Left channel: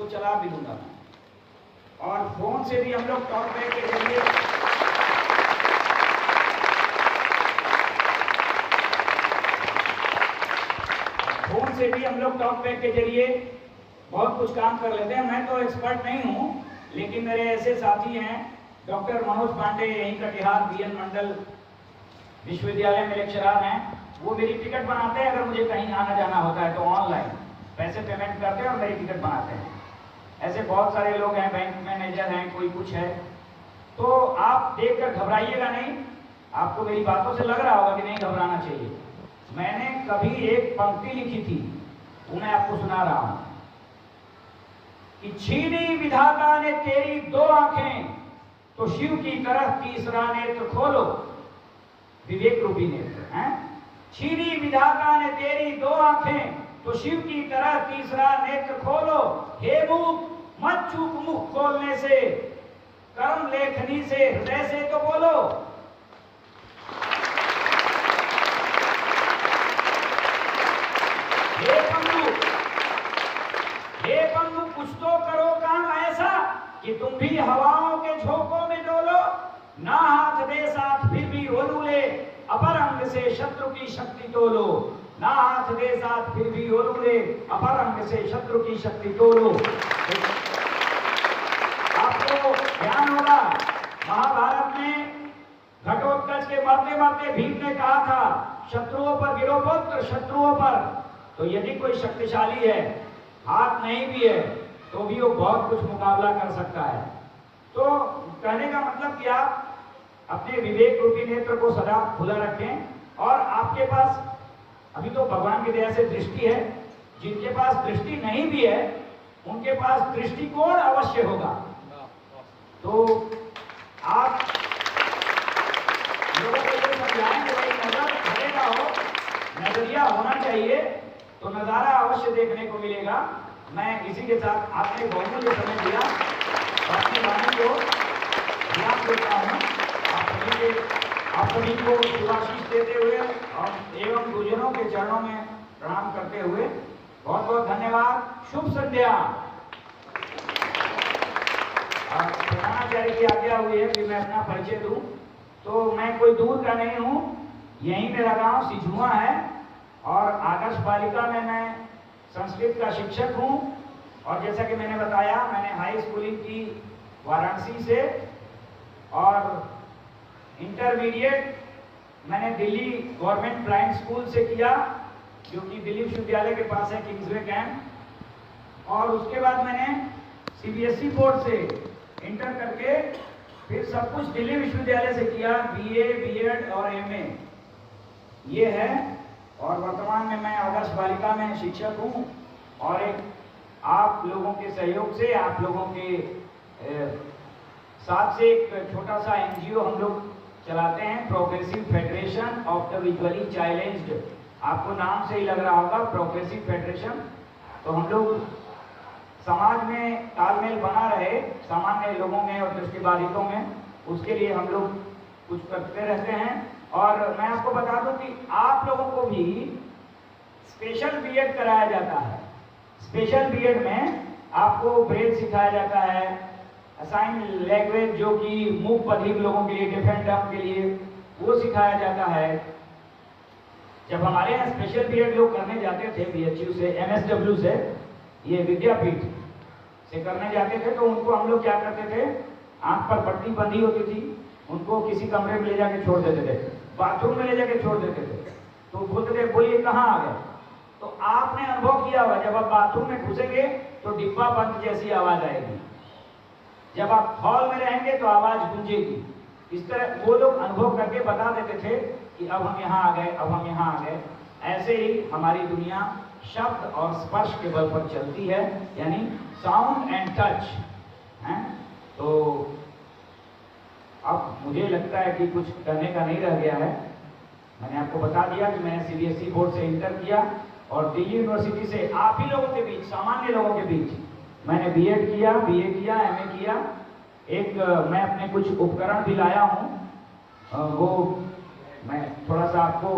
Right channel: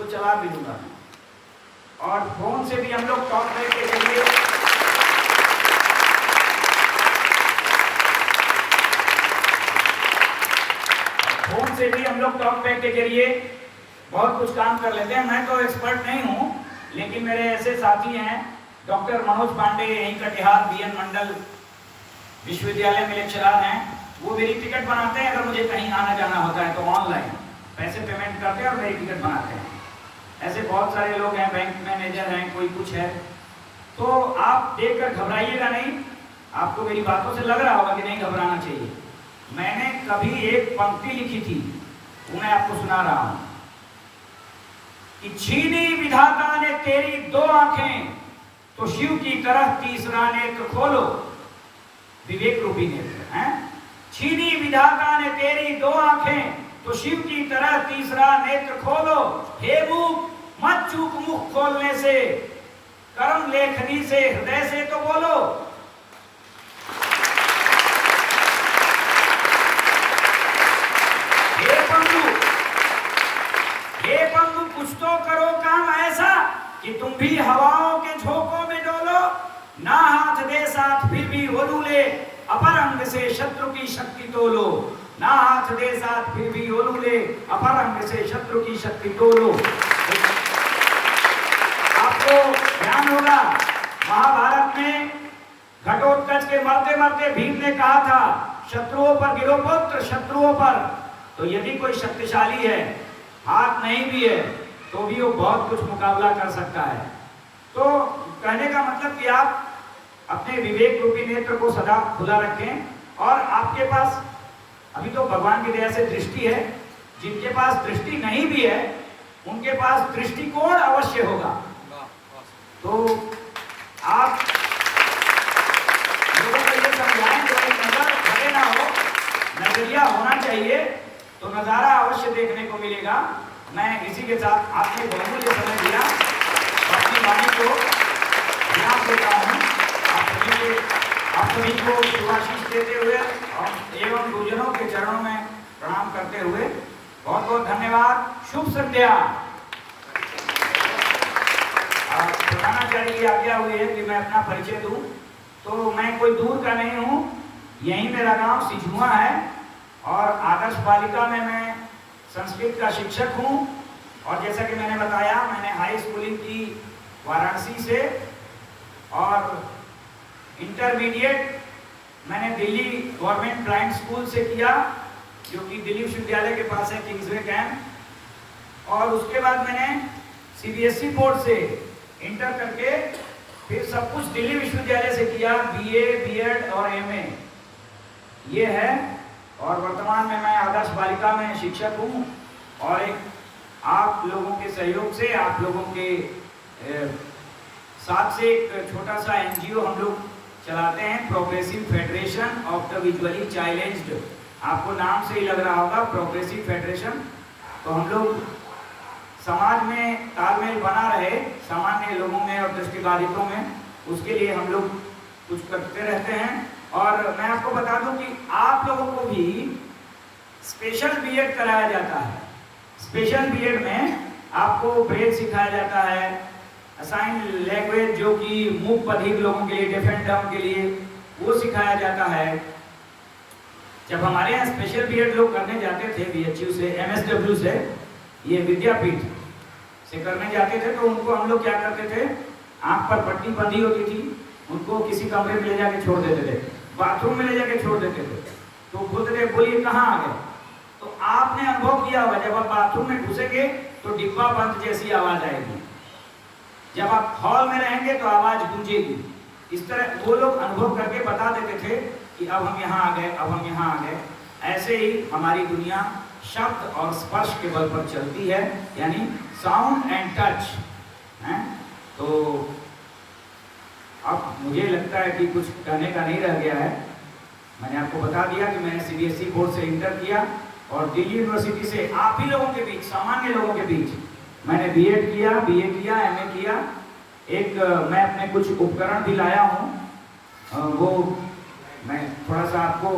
उसको चला भी लूँगा। और फोन से भी हम लोग टॉक बैक के जरिए बहुत कुछ काम कर लेते हैं। मैं तो एक्सपर्ट नहीं हूँ, लेकिन मेरे ऐसे साथी हैं, डॉक्टर मनोज पांडे यहीं कटिहार बीएन मंडल विश्वविद्यालय में लेक्चरर हैं, वो मेरी टिकट बनाते हैं। अगर मुझे कहीं आना जाना होता है तो ऑनलाइन पैसे पेमेंट करते हैं और मेरी टिकट बनाते हैं। ऐसे बहुत सारे लोग हैं, बैंक मैनेजर हैं, कोई कुछ है। तो आप देखकर घबराइएगा नहीं। आपको मेरी बातों से लग रहा होगा कि नहीं घबराना चाहिए। मैंने कभी एक पंक्ति लिखी थी, वो मैं आपको सुना रहा हूं कि छीनी विधाता ने तेरी दो आंखें, तो शिव की तरह तीसरा नेत्र खोलो। विवेक रूपी नेत्र है। छीनी विधाता ने तेरी दो आंखें, तो शिव की तरह तीसरा नेत्र खोलो। हे मुख मत चूक मुख खोलने से, कर्म लेखनी से, हृदय से तो बोलो। हे पंगु कुछ तो करो काम ऐसा कि तुम भी हवाओं के झोंकों में डोलो। ना हाथ दे साथ फिर भी ओलू ले, अपर अंग से शत्रु की शक्ति तोलो। ना हाथ दे साथ फिर भी ओलू ले, अपर अंग से शत्रु की शक्ति तोलो। आपको ध्यान होगा, महाभारत में घटोत्कच के मरते मरते भीम ने कहा था, शत्रुओं पर गिरो पुत्र, शत्रुओं पर। तो यदि कोई शक्तिशाली है, हाथ नहीं भी है, तो भी वो बहुत कुछ मुकाबला कर सकता है। तो कहने का मतलब कि आप अपने विवेक रूपी नेत्र को सदा खुला रखें। और आपके पास अभी तो भगवान की दया से दृष्टि है, जिनके पास दृष्टि नहीं भी है उनके पास दृष्टिकोण अवश्य होगा। तो आप लोगों को ये समझाएं कि भाई नजर खड़े ना हो, नजरिया होना चाहिए, तो नजारा अवश्य देखने को मिलेगा। मैं इसी के साथ आपने बहुमूल्य समय दिया, अपनी वाणी को विराम देता हूँ। आप सभी को शुभाशीष देते हुए और एवं गुरुजनों के चरणों में प्रणाम करते हुए बहुत बहुत धन्यवाद। शुभ संध्या। प्रधानाचार्य की आज्ञा हुई है कि मैं अपना परिचय दूं, तो मैं कोई दूर का नहीं हूँ, यही मेरा गांव सिझुआ है और आदर्श बालिका में मैं संस्कृत का शिक्षक हूँ। और जैसा कि मैंने बताया, मैंने हाई स्कूलिंग की वाराणसी से और इंटरमीडिएट मैंने दिल्ली गवर्नमेंट ब्लाइंड स्कूल से किया, जो कि दिल्ली विश्वविद्यालय के पास है, किंग्सवे कैंप। और उसके बाद मैंने सीबीएसई बोर्ड से इंटर करके फिर सब कुछ दिल्ली विश्वविद्यालय से किया, बीए, बीएड और एमए ये है। और वर्तमान में मैं आदर्श बालिका में शिक्षक हूँ। और एक आप लोगों के सहयोग से, आप लोगों के साथ से एक छोटा सा एनजीओ हम लोग चलाते हैं, progressive federation of the visually challenged. आपको नाम से ही लग रहा होगा, प्रोग्रेसिव फेडरेशन। तो हम लोग समाज में तालमेल बना रहे सामान्य लोगों में और दृष्टिबाधितों में, उसके लिए हम लोग कुछ करते रहते हैं। और मैं आपको बता दूं कि आप लोगों को भी स्पेशल बीएड कराया जाता है। स्पेशल बीएड में आपको ब्रेल सिखाया जाता है, असाइन लैंग्वेज जो कि मूक बधिर लोगों के लिए, डेफ एंड डम्ब के लिए, वो सिखाया जाता है। जब हमारे यहाँ स्पेशल बीएड लोग करने जाते थे बीएचयू से, एमएसडब्ल्यू से, ये विद्यापीठ से करने जाते थे, तो उनको हम लोग क्या करते थे, आंख पर पट्टी बंधी होती थी, उनको किसी कमरे में ले जाके छोड़ देते थे, बाथरूम में ले जाके छोड़ देते थे। तो बोलते थे बोलिए कहाँ आ गए। तो आपने अनुभव किया होगा, जब आप बाथरूम में घुसेंगे तो डिब्बा बंद जैसी आवाज आएगी, जब आप हॉल में रहेंगे तो आवाज गूंजेगी। इस तरह वो लोग अनुभव करके बता देते थे कि अब हम यहाँ आ गए, अब हम यहाँ आ गए। ऐसे ही हमारी दुनिया शब्द और स्पर्श के बल पर चलती है, यानी साउंड एंड टच है। तो अब मुझे लगता है कि कुछ कहने का नहीं रह गया है। मैंने आपको बता दिया कि मैंने सीबीएसई बोर्ड से इंटर किया और दिल्ली यूनिवर्सिटी से आप ही लोगों के बीच, सामान्य लोगों के बीच मैंने बीएड किया, बीए किया, एमए किया। एक मैं अपने कुछ उपकरण भी लाया हूँ, वो मैं थोड़ा सा आपको